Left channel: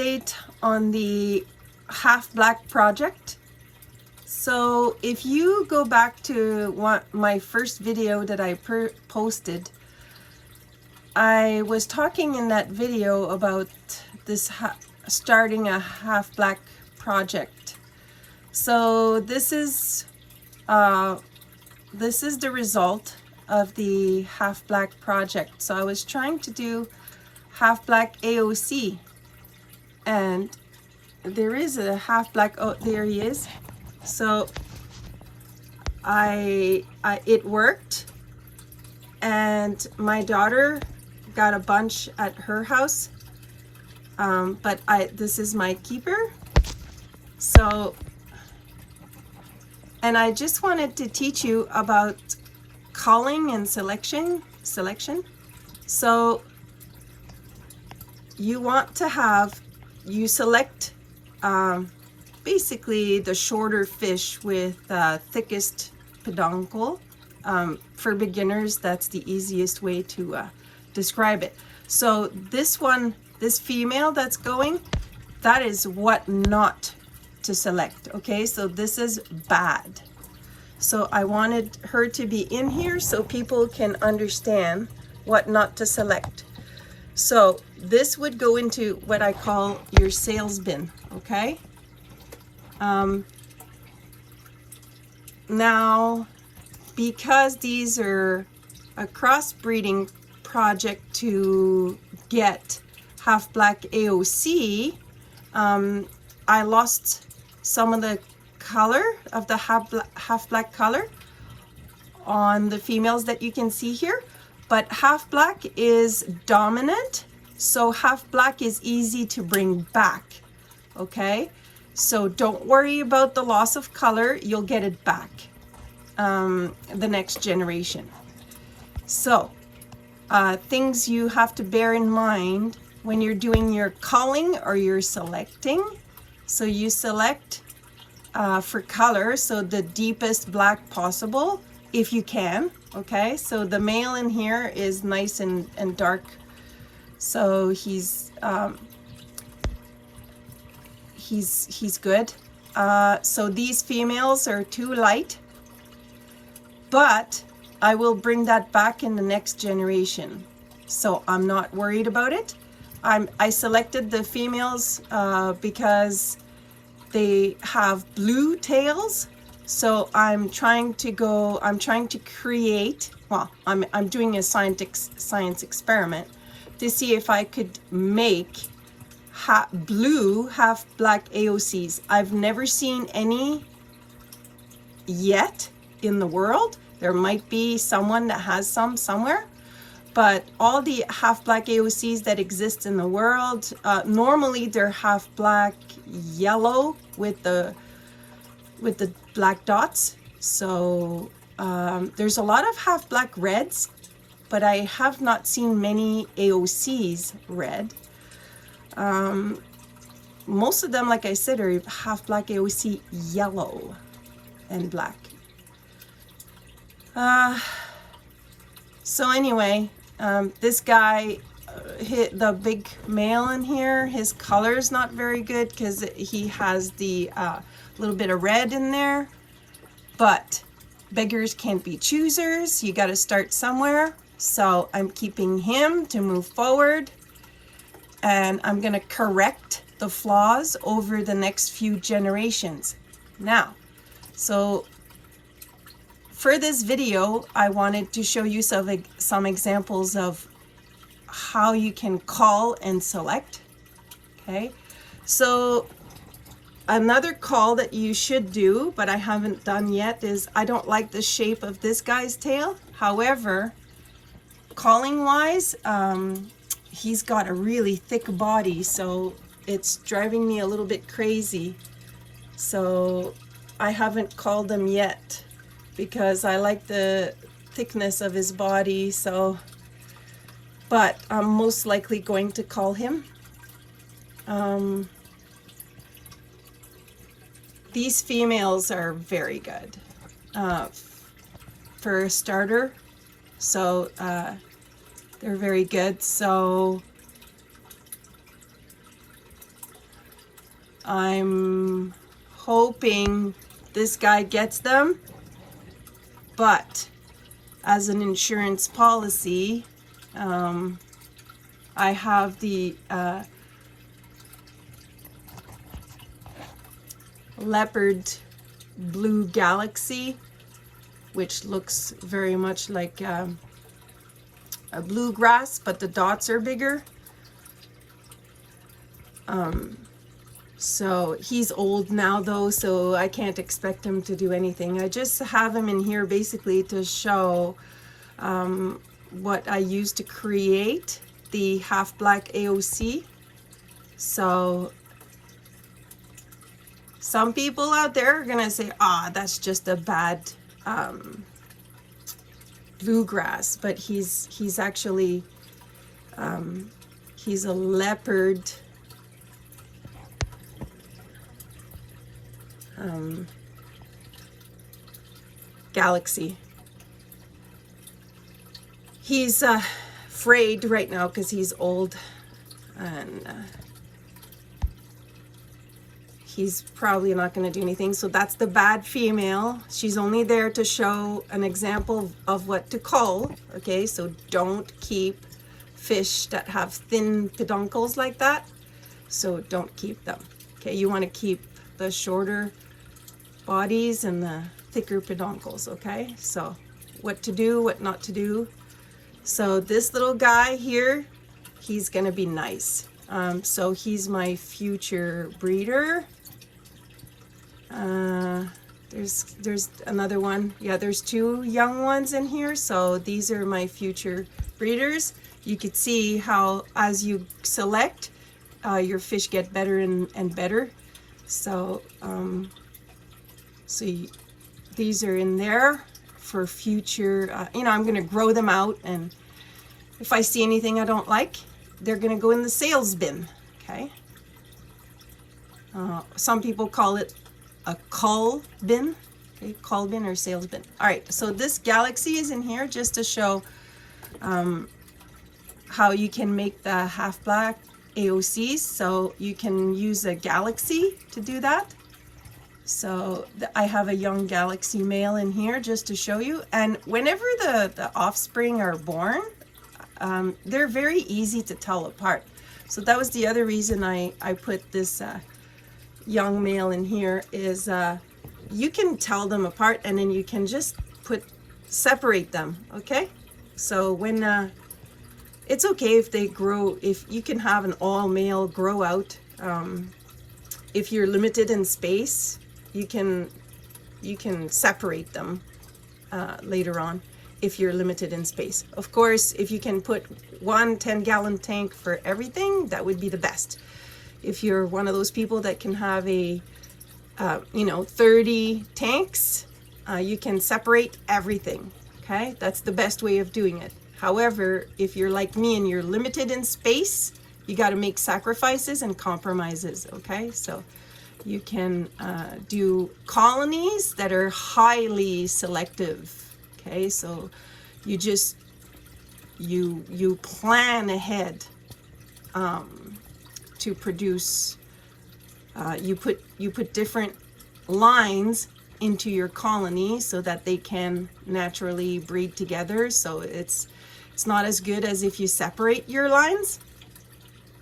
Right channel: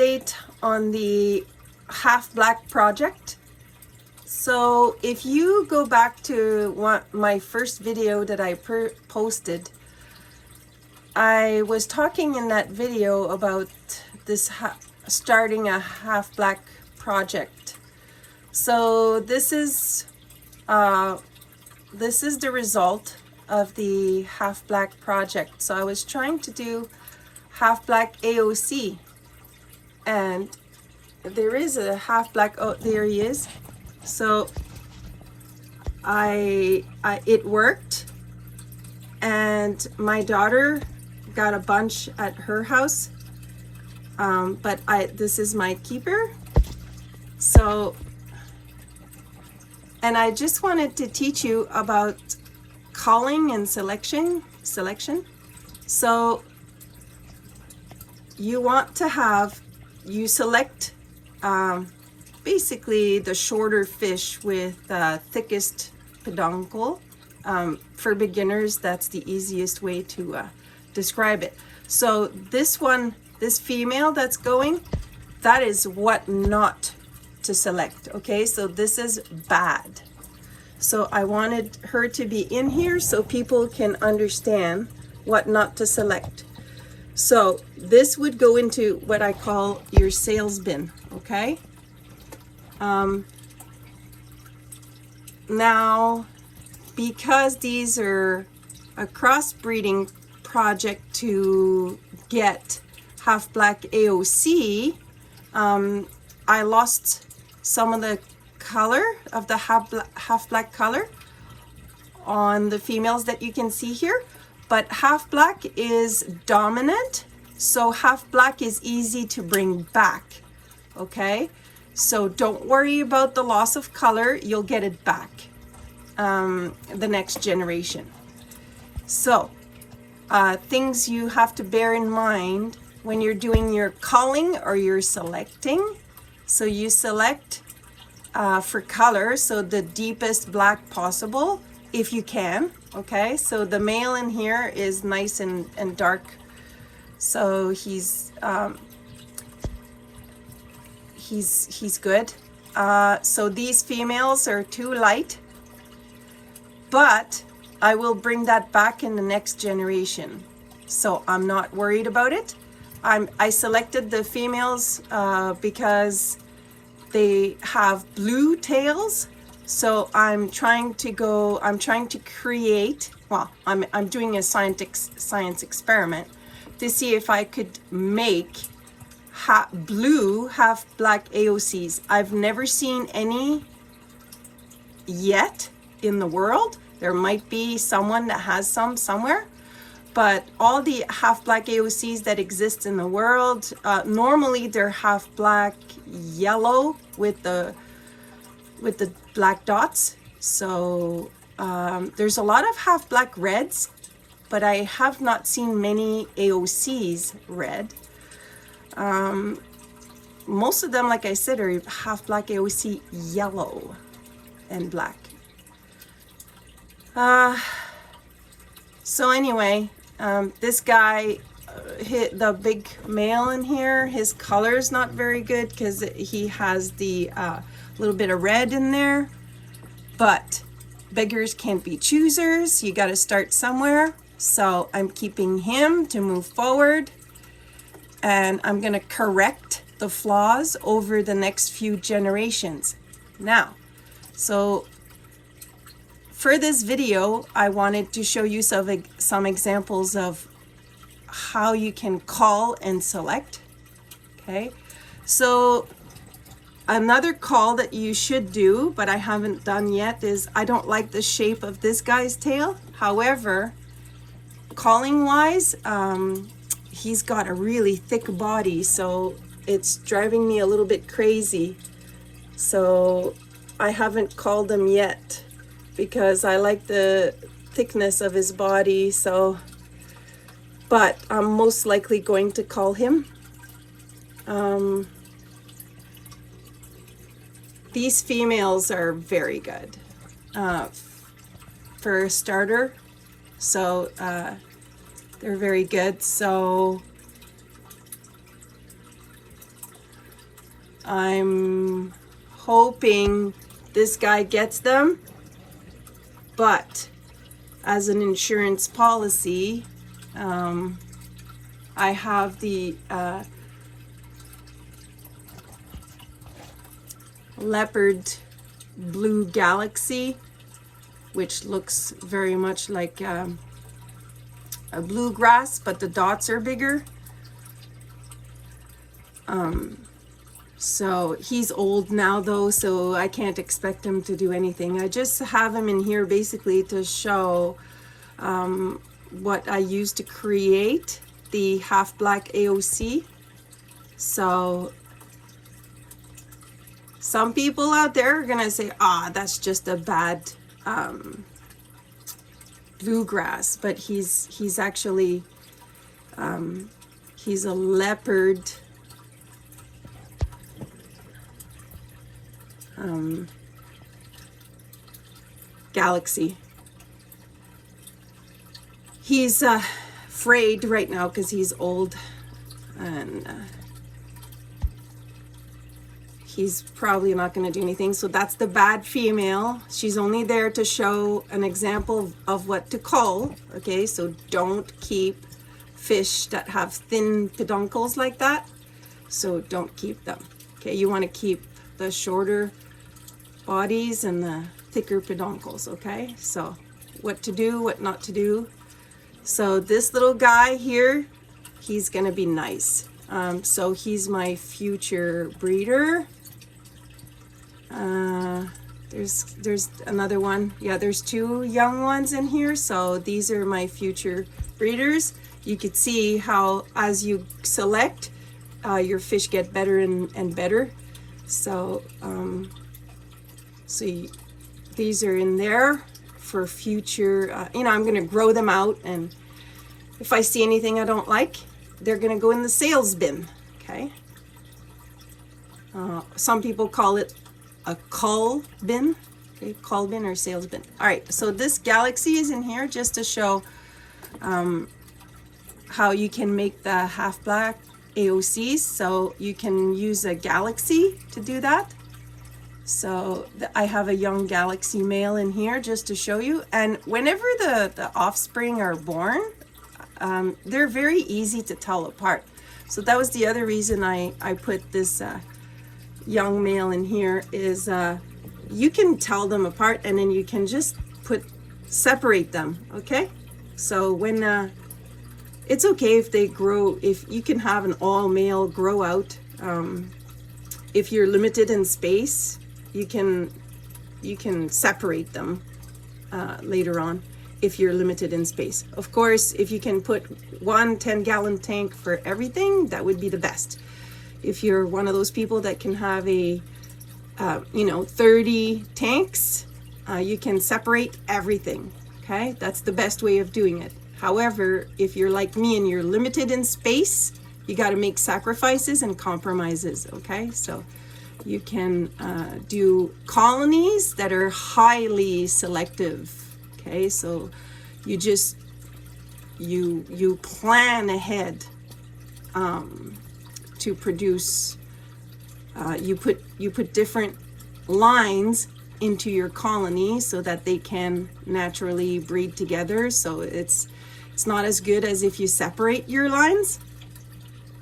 update on the half black project. So if you go back to my first video that I posted, I was talking in that video about this starting a half black project. So this is the result of the half black project. So I was trying to do half black AOC, and there is a half black, oh, there he is. So it worked, and my daughter got a bunch at her house, but this is my keeper. So, and I just wanted to teach you about culling and selection. So you want to you select basically the shorter fish with thickest peduncle. For beginners, that's the easiest way to describe it. So this female that's going, that is what not to select. Okay, so this is bad. So I wanted her to be in here so people can understand what not to select. So this would go into what I call your sales bin, okay? Now, because these are a crossbreeding project to get half black AOC, I lost some of the color of the half black color on the females that you can see here, but half black is dominant, so half black is easy to bring back. Okay, so don't worry about the loss of color, you'll get it back the next generation. So things you have to bear in mind when you're doing your culling or you're selecting. So you select for color, so the deepest black possible if you can. Okay, so the male in here is nice and dark, so he's good. So these females are too light, but I will bring that back in the next generation, so I'm not worried about it. I selected the females because they have blue tails, so I'm trying to create, well, I'm doing a science experiment to see if I could make blue half black AOCs. I've never seen any yet in the world. There might be someone that has some somewhere, but all the half black AOCs that exist in the world, normally they're half black yellow with the black dots. So there's a lot of half black reds, but I have not seen many AOCs red. Most of them, like I said, are half black AOC yellow and black. So anyway, this guy, the big male in here, his color is not very good because he has the little bit of red in there, but beggars can't be choosers. You got to start somewhere. So I'm keeping him to move forward, and I'm going to correct the flaws over the next few generations. Now, so for this video, I wanted to show you some examples of how you can cull and select. Okay, so another call that you should do, but I haven't done yet, is I don't like the shape of this guy's tail. However, calling wise, he's got a really thick body, so it's driving me a little bit crazy. So I haven't called him yet because I like the thickness of his body. So, but I'm most likely going to call him. These females are very good for a starter. So they're very good. So I'm hoping this guy gets them, but as an insurance policy, I have the leopard blue galaxy, which looks very much like a bluegrass, but the dots are bigger. So he's old now though, so I can't expect him to do anything. I just have him in here basically to show what I used to create the half black AOC. So some people out there are gonna say, that's just a bad bluegrass, but he's actually he's a leopard galaxy. He's frayed right now because he's old, and he's probably not going to do anything. So that's the bad female. She's only there to show an example of what to cull. Okay, so don't keep fish that have thin peduncles like that. So don't keep them. Okay, you want to keep the shorter bodies and the thicker peduncles. Okay, so what to do, what not to do. So this little guy here, he's going to be nice. So he's my future breeder. There's another one. Yeah, there's two young ones in here. So these are my future breeders. You could see how as you select, your fish get better and better. So, these are in there for future, I'm going to grow them out, and if I see anything I don't like, they're going to go in the sales bin. Okay. Some people call it a cull bin. Okay, cull bin or sales bin. All right, so this galaxy is in here just to show how you can make the half black AOCs. So you can use a galaxy to do that. So I have a young galaxy male in here just to show you. And whenever the offspring are born, they're very easy to tell apart. So that was the other reason I put this young male in here, is you can tell them apart, and then you can just separate them. Okay, so when it's okay if they grow, if you can have an all male grow out. If you're limited in space, you can separate them later on if you're limited in space. Of course, if you can put one 10-gallon tank for everything, that would be the best. If you're one of those people that can have a 30 tanks, you can separate everything. Okay, that's the best way of doing it. However, if you're like me and you're limited in space, you got to make sacrifices and compromises. Okay, so you can do colonies that are highly selective. Okay, so you just you plan ahead to produce. You put different lines into your colony so that they can naturally breed together. So it's not as good as if you separate your lines.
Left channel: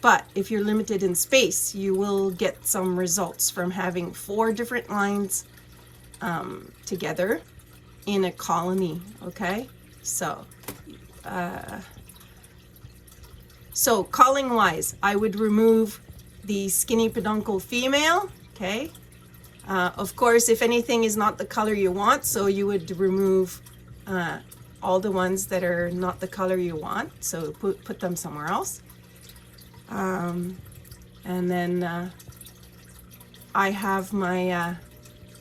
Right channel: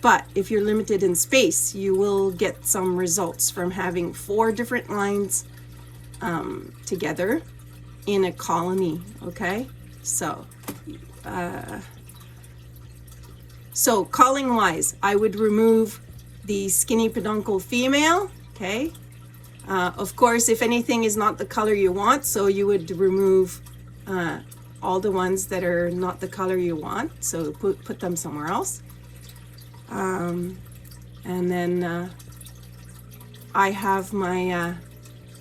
But if you're limited in space, you will get some results from having 4 different lines together in a colony. Okay, so culling wise, I would remove the skinny peduncle female. Okay, of course, if anything is not the color you want, so you would remove all the ones that are not the color you want. So put them somewhere else. And then I have my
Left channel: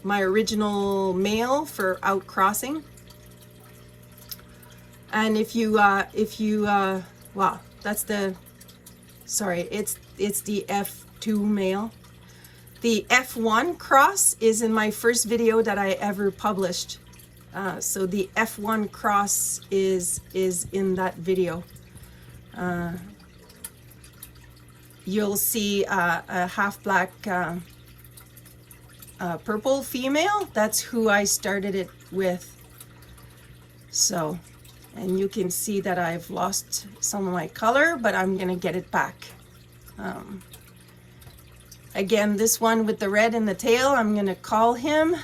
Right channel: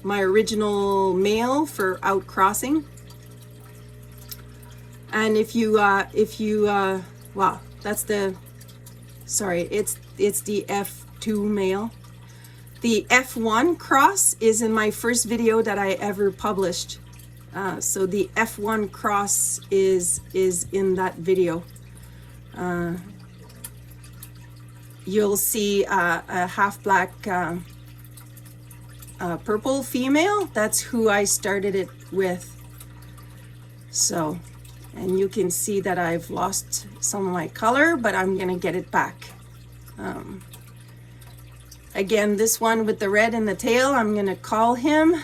my original male for outcrossing. And if you well, that's the, sorry, it's the F2 male. The F1 cross is in my first video that I ever published. So the F1 cross is in that video. You'll see a half black purple female. That's who I started it with. So, and you can see that I've lost some of my color, but I'm gonna get it back. Again, this one with the red in the tail, I'm gonna call him,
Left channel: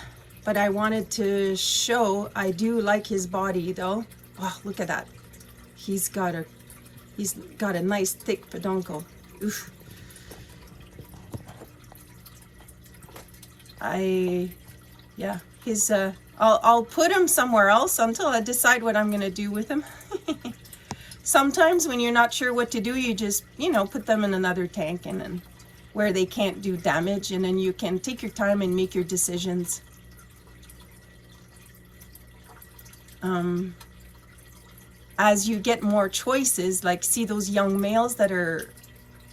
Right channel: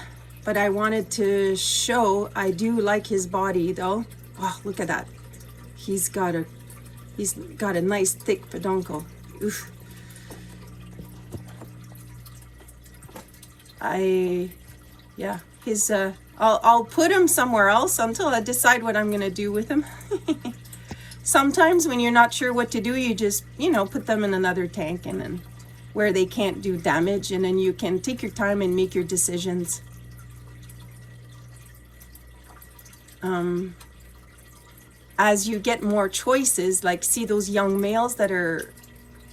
but I wanted to show, I do like his body though. Wow, look at that. He's got a nice thick peduncle. Oof. Yeah, his, I'll put him somewhere else until I decide what I'm gonna do with him. Sometimes when you're not sure what to do, you just, you know, put them in another tank and then where they can't do damage, and then you can take your time and make your decisions. As you get more choices, like see those young males that are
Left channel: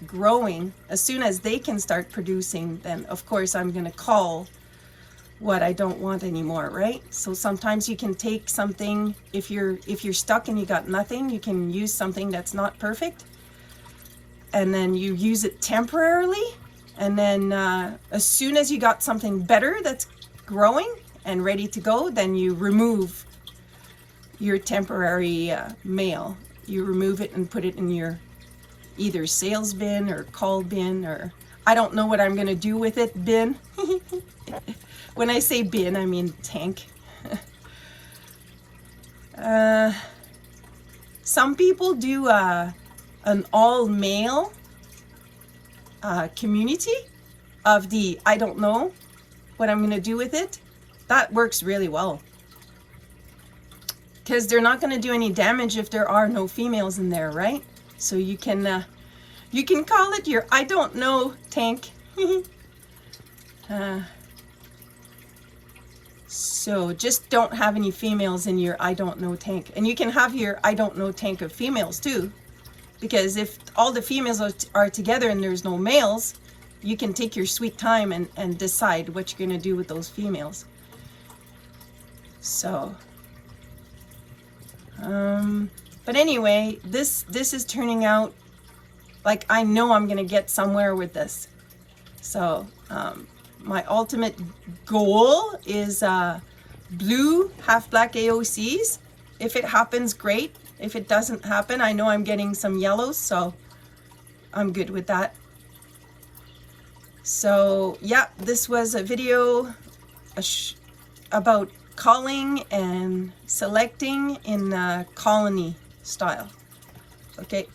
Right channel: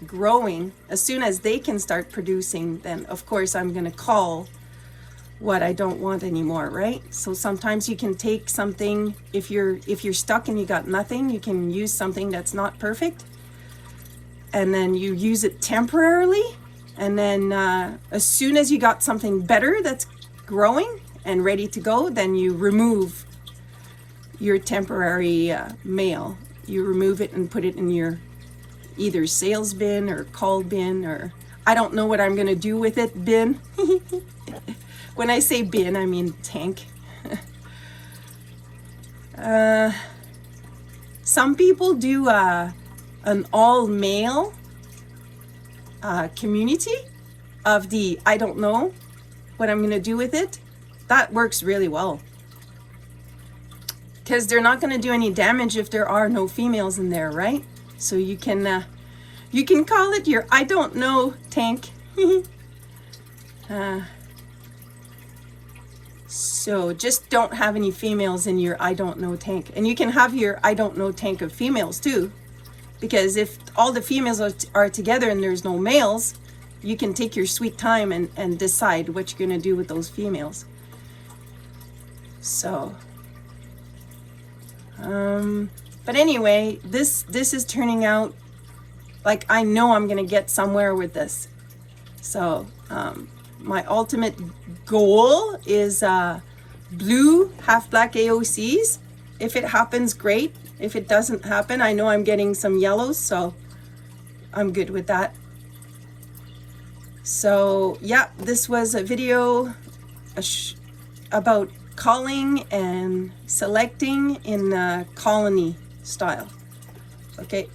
growing, as soon as they can start producing, then of course I'm going to call what I don't want anymore, right? So sometimes you can take something, if you're stuck and you got nothing, you can use something that's not perfect, and then you use it temporarily, and then as soon as you got something better that's growing and ready to go, then you remove your temporary male. You remove it and put it in your either sales bin or cull bin, or I don't know what I'm gonna do with it, bin. When I say bin, I mean tank. Some people do an all male community of the I don't know what I'm gonna do with it. That works really well, because they're not going to do any damage if there are no females in there, right? So you can call it your I don't know tank. So just don't have any females in your I don't know tank. And you can have your I don't know tank of females too, because if all the females are together and there's no males, you can take your sweet time and decide what you're going to do with those females. So but anyway, this is turning out like I know I'm gonna get somewhere with this. So my ultimate goal is blue half black AOCs. If it happens, great. If it doesn't happen, I know I'm getting some yellows, so I'm good with that. So yeah, this was a video about culling and selecting in colony style. Okay.